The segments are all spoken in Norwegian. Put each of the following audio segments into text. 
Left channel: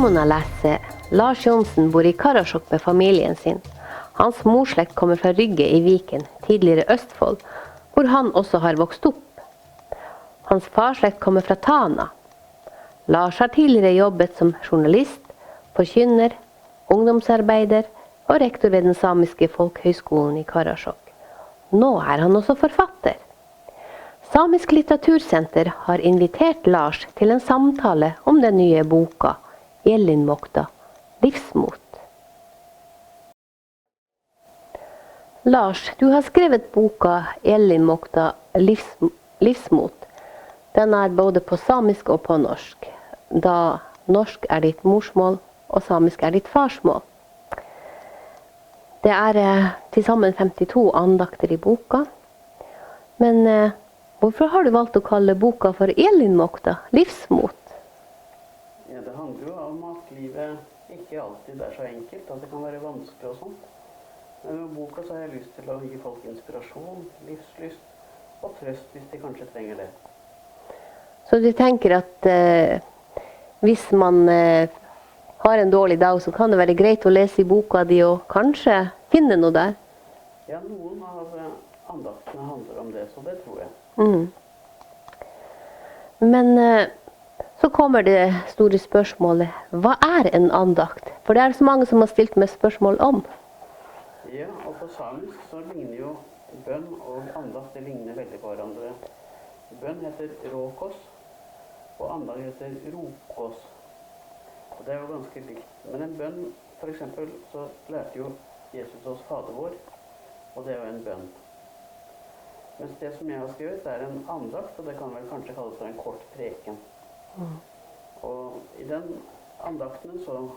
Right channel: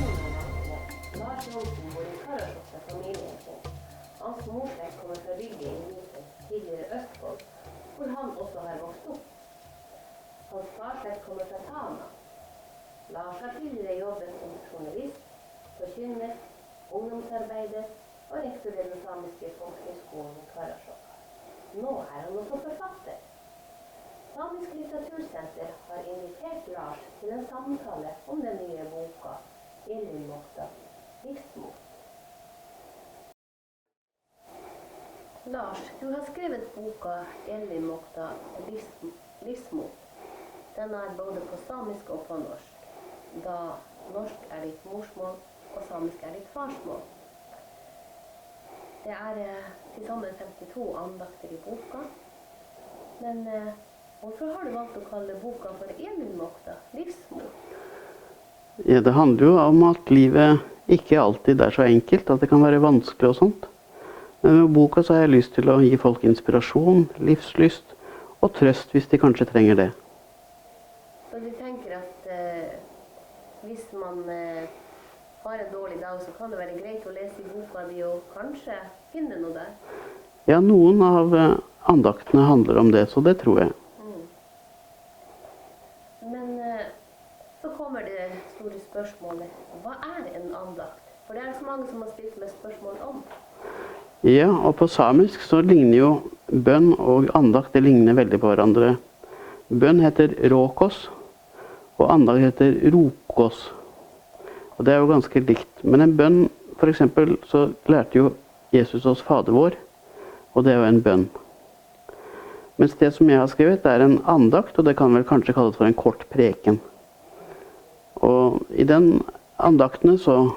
Simona leser. Lars Johnsen bor i Karasjok med familien sin. Hans morslekt kommer fra Rygge i Viken, tidligere Østfold, hvor han også har vokst opp. Hans farslekt kommer fra Tana. Lars har tidligere jobbet som journalist, forkynner, ungdomsarbeider og rektor ved den samiske Folkehøgskolen i Karasjok. Nå er han også forfatter. Samisk litteratursenter har invitert Lars til en samtale om den nye boka, Ellinmåkta, livsmot. Lars, du har skrevet boka Ellinmåkta, livsmot. Den er både på samisk og på norsk, da norsk er ditt morsmål og samisk er ditt farsmål. Det er til sammen 52 andakter i boka, men hvorfor har du valgt å kalle boka for Ellinmåkta, livsmot? Ja, det handler jo om at livet ikke alltid er så enkelt, at det kan være vanskelig og sånt. Men med boka så har jeg lyst til å gi folk inspirasjon, livslyst og trøst hvis de kanskje trenger det. Så du tenker at hvis man har en dårlig dag, så kan det være greit å lese i boka di og kanskje finne noe der? Ja, noen av andaktene handler om det, så det tror jeg. Men så kommer det store spørsmålet, hva er en andakt? For det er så mange som har stilt meg spørsmål om. Ja, og på samisk så ligner jo bønn og andakt, det ligner veldig på hverandre. Bønn heter råkos, og andakt heter rokos. Og det er jo ganske likt. Men en bønn, for eksempel, så lærte jo Jesus oss Fader vår, og det er jo en bønn. Mens det som jeg har skrevet er en andakt, og det kan vel kanskje kalles for en kort preken. Og i den andaktene så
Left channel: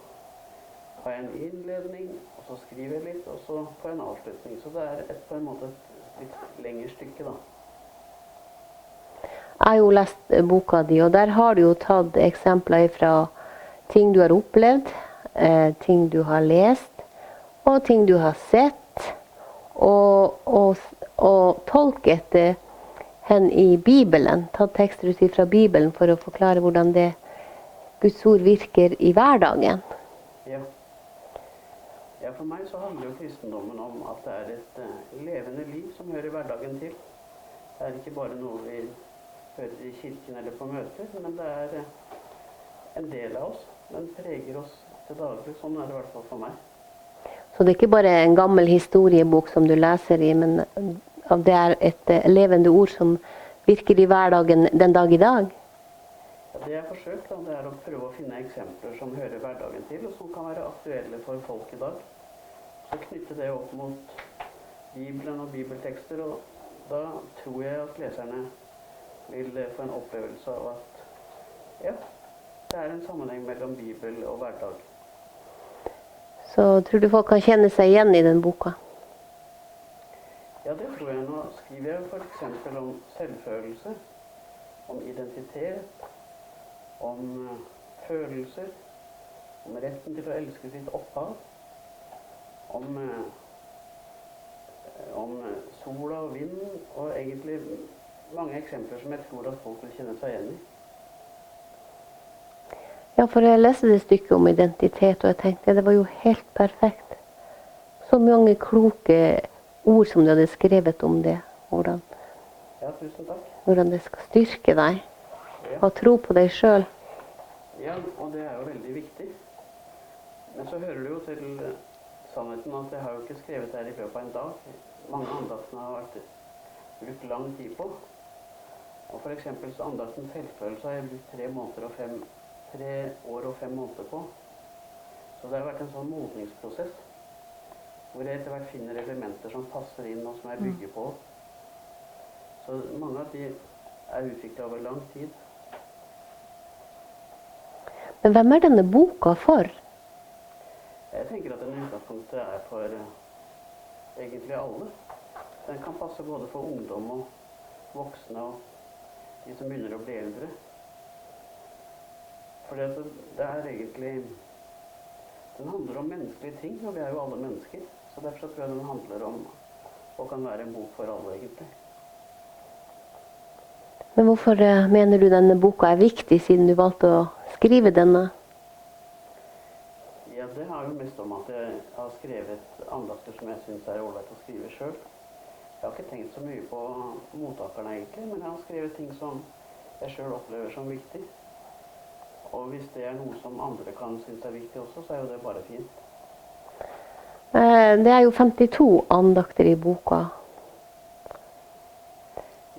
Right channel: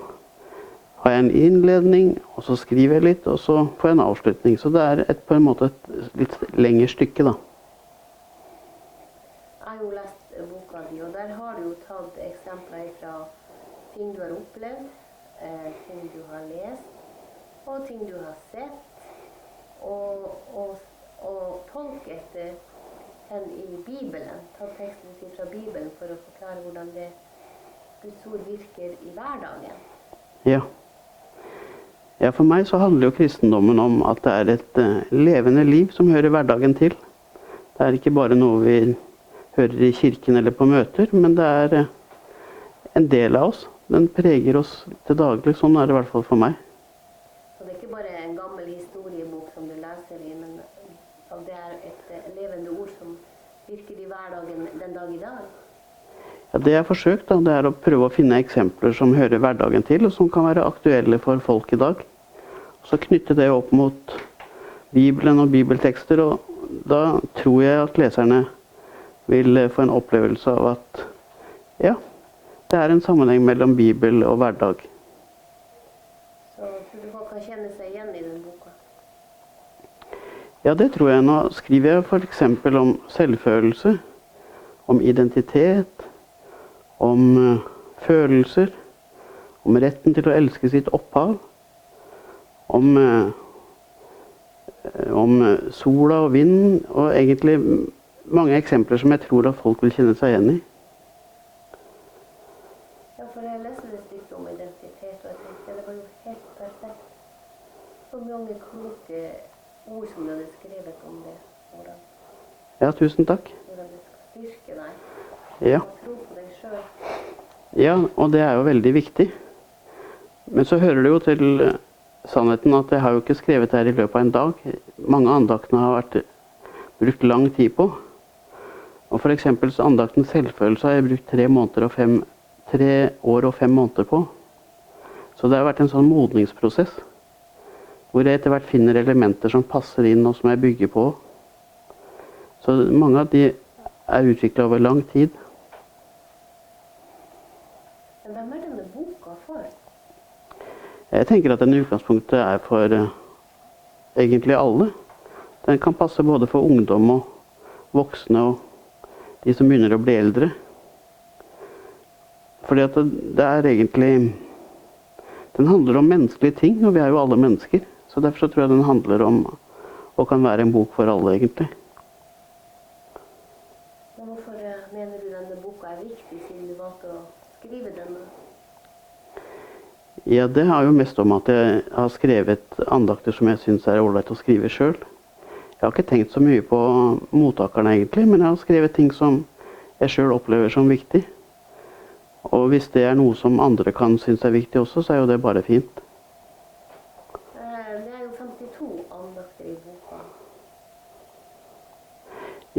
har jeg en innledning, og så skriver jeg litt, og så får jeg en avslutning. Så det er på en måte et litt lengre stykke da. Jeg har jo lest boka di, og der har du jo tatt eksempler fra ting du har opplevd, ting du har lest, og ting du har sett, og tolket hen i Bibelen, tatt tekster ut fra Bibelen for å forklare hvordan det Guds ord virker i hverdagen. Ja. Ja, for meg så handler jo kristendommen om at det er et levende liv som hører hverdagen til. Det er ikke bare noe vi hører i kirken eller på møter, men det er en del av oss. Den preger oss til daglig, sånn er det i hvert fall for meg. Så det er ikke bare en gammel historiebok som du leser i, men det er et levende ord som virker i hverdagen den dag i dag? Ja, det jeg har forsøkt da, det er å prøve å finne eksempler som hører hverdagen til, og som kan være aktuelle for folk i dag. Så knytte det opp mot Bibelen og bibeltekster, og da tror jeg at leserne vil få en opplevelse av at ja, det er en sammenheng mellom Bibel og hverdag. Så tror du folk kan kjenne seg igjen i den boka? Ja, det tror jeg. Nå skriver jeg for eksempel om selvfølelse, om identitet, om følelser, om retten til å elske sitt opphav, om sola og vind, og egentlig mange eksempler som jeg tror at folk vil kjenne seg igjen i. Ja, for jeg leste det stykket om identitet, og jeg tenkte det var jo helt perfekt. Så mange kloke ord som du hadde skrevet om det. Ja, tusen takk. Hvordan det skal styrke deg. Ja. Og tro på deg selv. Ja, og det er jo veldig viktig. Men så hører det jo til sannheten at jeg har jo ikke skrevet det her i løpet av en dag. Mange andaktene har vært brukt lang tid på. Og for eksempel så andakten selvfølelse har jeg brukt 3 år og 5 måneder på. Så det har vært en sånn modningsprosess, hvor jeg etter hvert finner elementer som passer inn og som jeg bygger på. Så mange av de er utviklet over lang tid. Men hvem er denne boka for? Jeg tenker at den i utgangspunktet er for egentlig alle. Den kan passe både for ungdom og voksne og de som begynner å bli eldre. Fordi at det er egentlig, den handler om menneskelige ting, og vi er jo alle mennesker. Så derfor så tror jeg den handler om, og kan være en bok for alle egentlig. Men hvorfor mener du denne boka er viktig, siden du valgte å skrive denne? Ja, det har jo mest om at jeg har skrevet andakter som jeg synes er ålreit å skrive selv. Jeg har ikke tenkt så mye på mottakerne egentlig, men jeg har skrevet ting som jeg selv opplever som viktig. Og hvis det er noe som andre kan synes er viktig også, så er jo det bare fint. Det er jo 52 andakter i boka.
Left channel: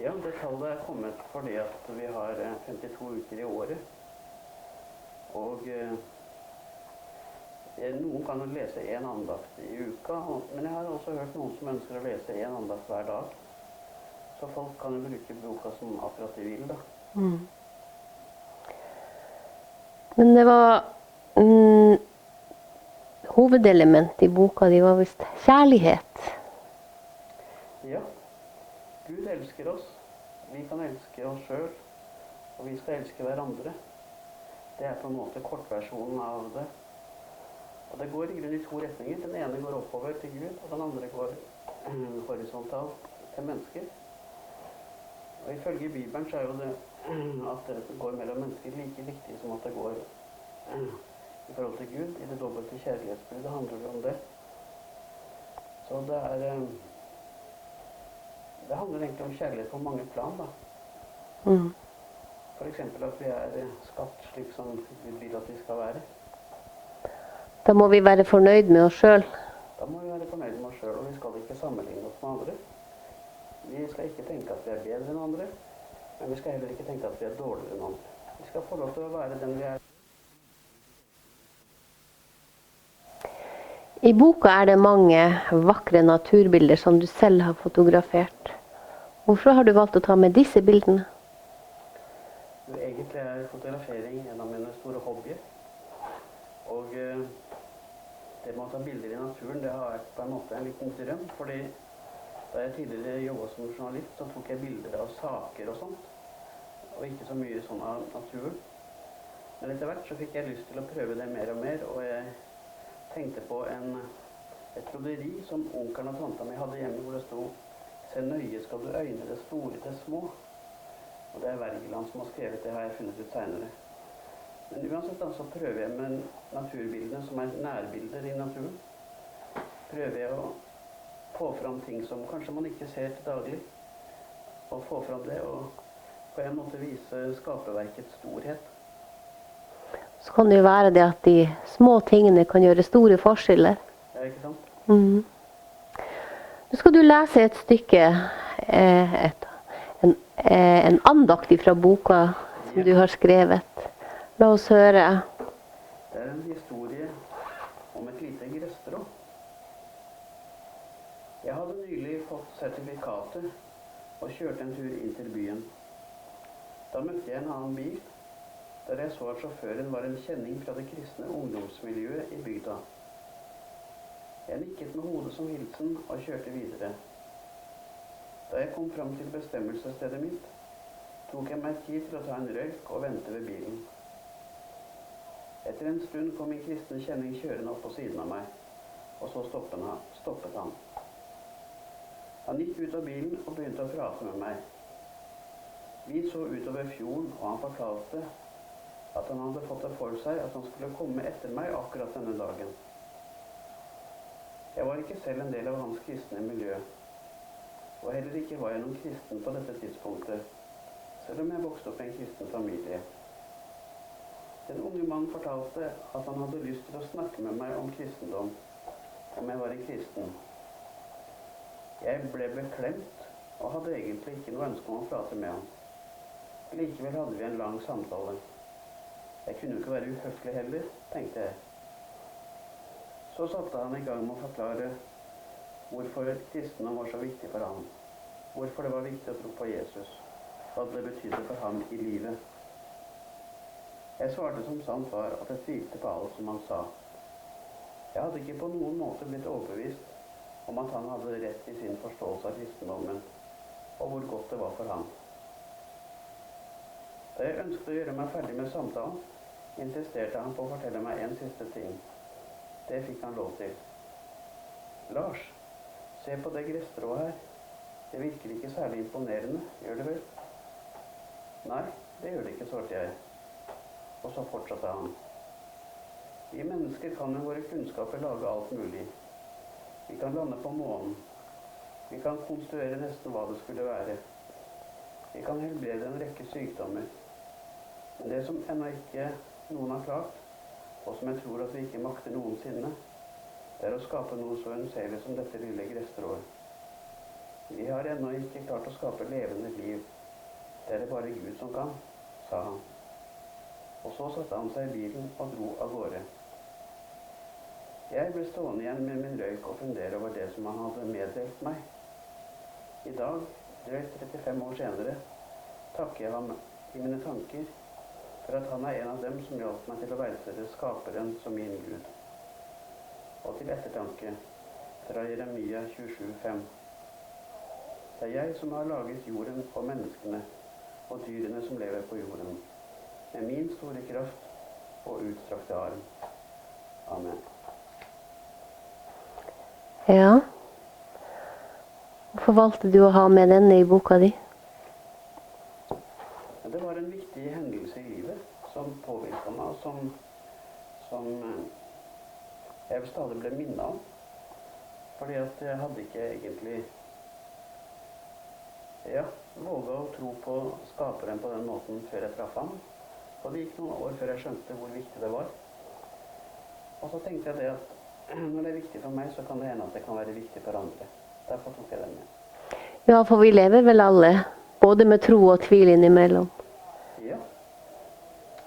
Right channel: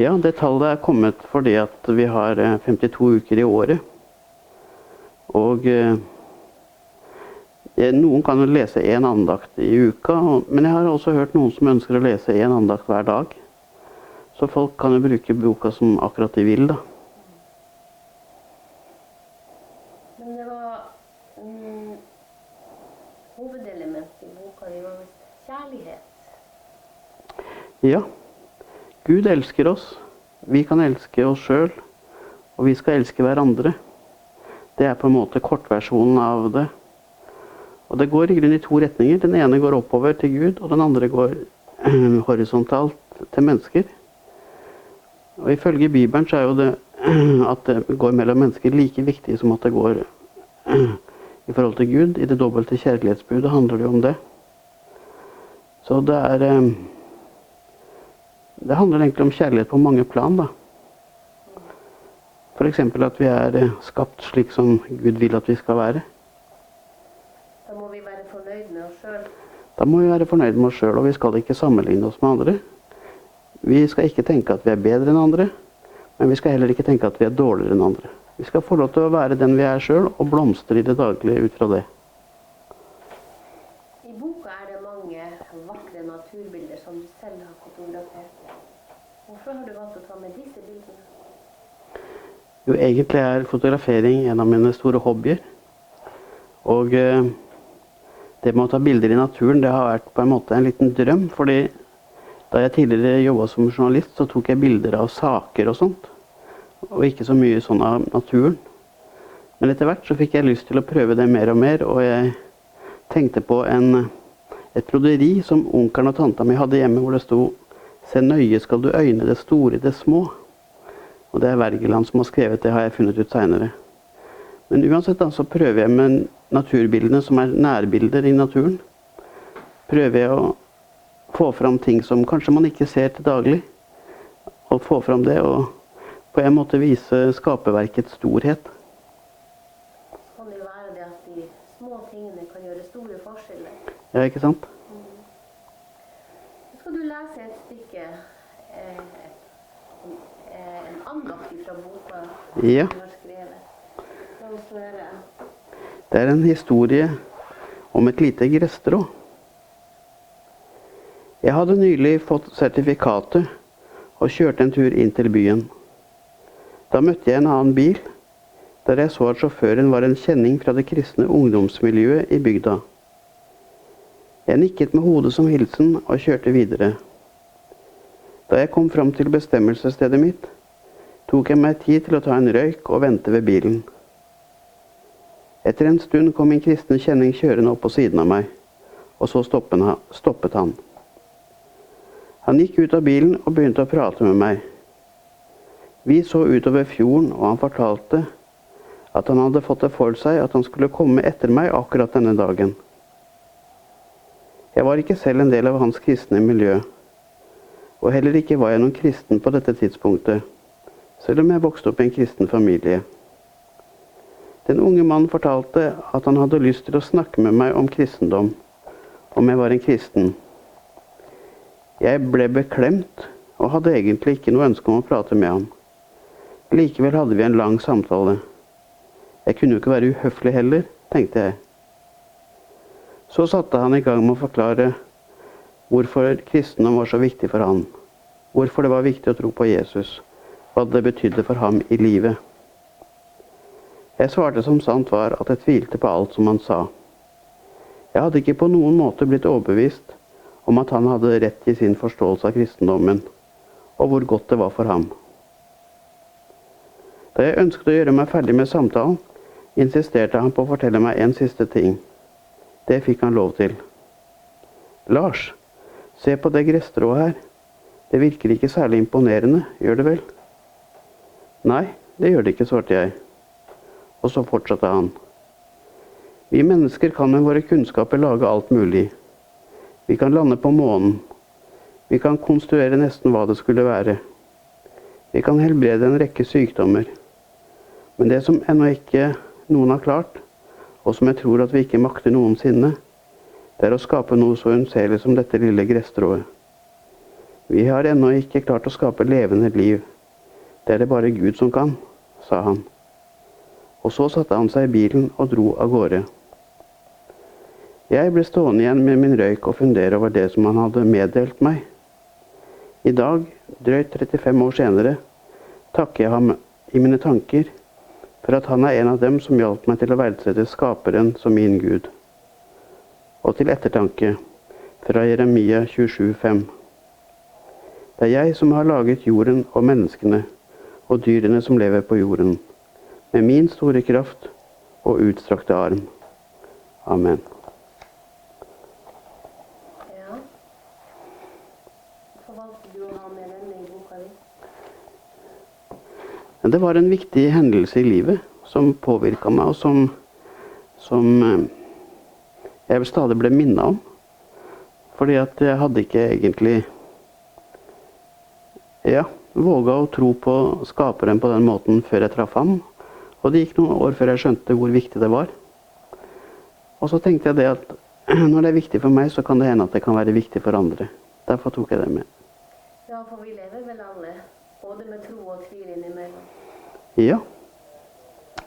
Ja, det tallet er kommet fordi at vi har 52 uker i året. Og noen kan jo lese en andakt i uka, men jeg har også hørt noen som ønsker å lese en andakt hver dag. Så folk kan jo bruke boka som akkurat de vil, da. Mm. Men det var hovedelementet i boka, det var visst kjærlighet. Ja, Gud elsker oss. Vi kan elske oss selv, og vi skal elske hverandre. Det er på en måte kortversjonen av det. Og det går i grunnen i to retninger. Den ene går oppover til Gud, og den andre går horisontalt til mennesker. Og ifølge Bibelen så er jo det at det går mellom mennesker like viktig som at det går i forhold til Gud. I det dobbelte kjærlighetsbudet handler det om det. Så det handler egentlig om kjærlighet på mange plan, da. Mm. For eksempel at vi er skapt slik som Gud vil at vi skal være. Da må vi være fornøyd med oss selv. Da må vi være fornøyd med oss selv, og vi skal ikke sammenligne oss med andre. Vi skal ikke tenke at vi er bedre enn andre, men vi skal heller ikke tenke at vi er dårligere enn andre. Vi skal få lov til å være den vi er selv, og blomstre i det daglige ut fra det. I boka er det mange vakre naturbilder som du selv har fotografert. Hvorfor har du valgt å ta med disse bildene? Jo, egentlig er fotografering en av mine store hobbyer. Og det med å ta bilder i naturen, det har vært på en måte en liten drøm. Fordi da jeg tidligere jobbet som journalist, så tok jeg bilder av saker og sånt. Og ikke så mye sånn av naturen. Men etter hvert så fikk jeg lyst til å prøve det mer og mer. Og jeg tenkte på et broderi som onkelen og tanta mi hadde hjemme, hvor det sto «Se nøye skal du øyne det store i det små». Og det er Wergeland som har skrevet det, har jeg funnet ut senere. Men uansett da, så prøver jeg med naturbildene som er nærbilder i naturen. Prøver jeg å få fram ting som kanskje man ikke ser til daglig. Og få fram det, og på en måte vise skaperverkets storhet. Så kan det jo være det at de små tingene kan gjøre store forskjeller. Ja, ikke sant? Mm. Nå skal du lese et stykke, en andakt fra boka som du har skrevet. La oss høre. Det er en historie om et lite gresstrå. Jeg hadde nylig fått sertifikatet og kjørte en tur inn til byen. Da møtte jeg en annen bil, der jeg så at sjåføren var en kjenning fra det kristne ungdomsmiljøet i bygda. Jeg nikket med hodet som hilsen og kjørte videre. Da jeg kom fram til bestemmelsesstedet mitt, tok jeg meg tid til å ta en røyk og vente ved bilen. Etter en stund kom min kristne kjenning kjørende opp på siden av meg, og så stoppet han. Han gikk ut av bilen og begynte å prate med meg. Vi så utover fjorden, og han fortalte at han hadde fått det for seg at han skulle komme etter meg akkurat denne dagen. Jeg var ikke selv en del av hans kristne miljø, og heller ikke var jeg noen kristen på dette tidspunktet, selv om jeg vokste opp i en kristen familie. Den unge mannen fortalte at han hadde lyst til å snakke med meg om kristendom, om jeg var en kristen. Jeg ble beklemt, og hadde egentlig ikke noe ønske om å prate med ham. Likevel hadde vi en lang samtale. Jeg kunne jo ikke være uhøflig heller, tenkte jeg. Så satte han i gang med å forklare hvorfor kristendom var så viktig for han. Hvorfor det var viktig å tro på Jesus. Hva det betydde for ham i livet. Jeg svarte som sant var at jeg tvilte på alt som han sa. Jeg hadde ikke på noen måte blitt overbevist om at han hadde rett i sin forståelse av kristendommen, og hvor godt det var for ham. Da jeg ønsket å gjøre meg ferdig med samtalen, insisterte han på å fortelle meg en siste ting. Det fikk han lov til. Lars, se på det gresstrået her. Det virker ikke særlig imponerende, gjør det vel? Nei, det gjør det ikke, svarte jeg. Og så fortsatte han. Vi mennesker kan med våre kunnskaper lage alt mulig. Vi kan lande på månen. Vi kan konstruere nesten hva det skulle være. Vi kan helbrede en rekke sykdommer. Men det som ennå ikke noen har klart, og som jeg tror at vi ikke makter noensinne, det er å skape noe så unnselig som dette lille gresstrået. Vi har ennå ikke klart å skape levende liv. Det er det bare Gud som kan, sa han. Og så satte han seg i bilen og dro av gårde. Jeg ble stående igjen med min røyk og fundere over det som han hadde meddelt meg. I dag, drøyt 35 år senere, takker jeg ham i mine tanker for at han er en av dem som hjalp meg til å verdsette skaperen som min Gud. Og til ettertanke fra Jeremia 27,5. Det er jeg som har laget jorden og menneskene og dyrene som lever på jorden, med min store kraft og utstrakte arm. Amen. Ja. Hvorfor valgte du å ha med denne i boka di? Det var en viktig hendelse i livet som påvirket meg, og som jeg stadig ble minnet om. Fordi at jeg hadde ikke egentlig våget å tro på skaperen på den måten før jeg traff ham. Og det gikk noen år før jeg skjønte hvor viktig det var. Og så tenkte jeg det at når det er viktig for meg, så kan det hende at det kan være viktig for andre. Derfor tok jeg det med. Ja, for vi lever vel alle, både med tro og tvil innimellom. Ja,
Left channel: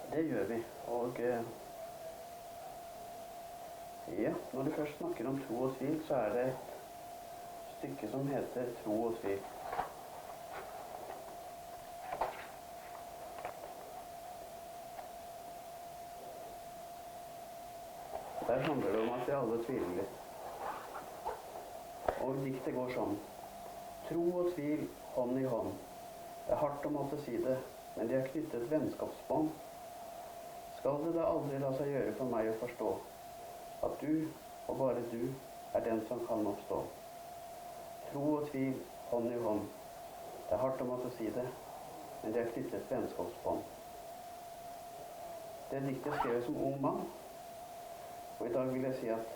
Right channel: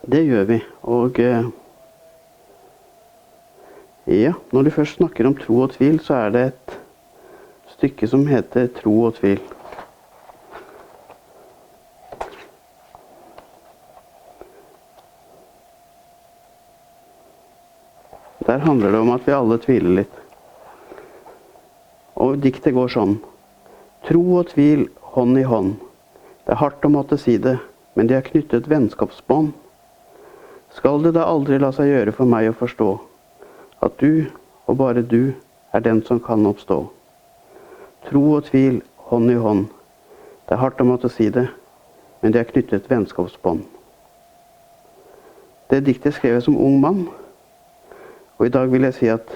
det gjør vi. Og når du først snakker om tro og tvil, så er det et stykke som heter Tro og tvil. Der handler det om at vi alle tviler litt. Og diktet går sånn. Tro og tvil hånd i hånd. Det er hardt å måtte si det, men de har knyttet vennskapsbånd. Skal det da aldri la seg gjøre for meg å forstå at du, og bare du, er den som kan oppstå. Tro og tvil hånd i hånd. Det er hardt å måtte si det, men de har knyttet vennskapsbånd. Det diktet skrev jeg som ung mann. Og i dag vil jeg si at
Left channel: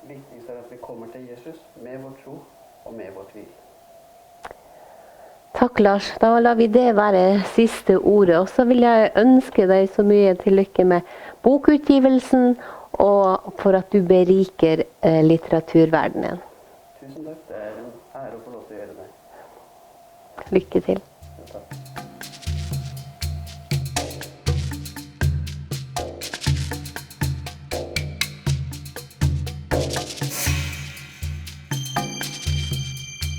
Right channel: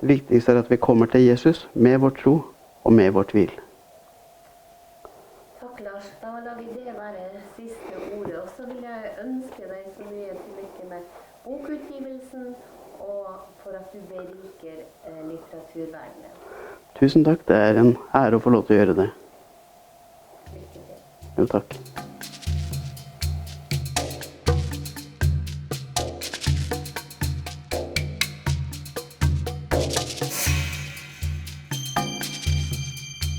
det viktigste er at vi kommer til Jesus med vår tro og med vår tvil. Takk, Lars. Da lar vi det være siste ordet. Og så vil jeg ønske deg så mye til lykke med bokutgivelsen, og for at du beriker litteraturverdenen. Tusen takk. Det er en ære å få lov til å gjøre det. Lykke til. Jo, takk.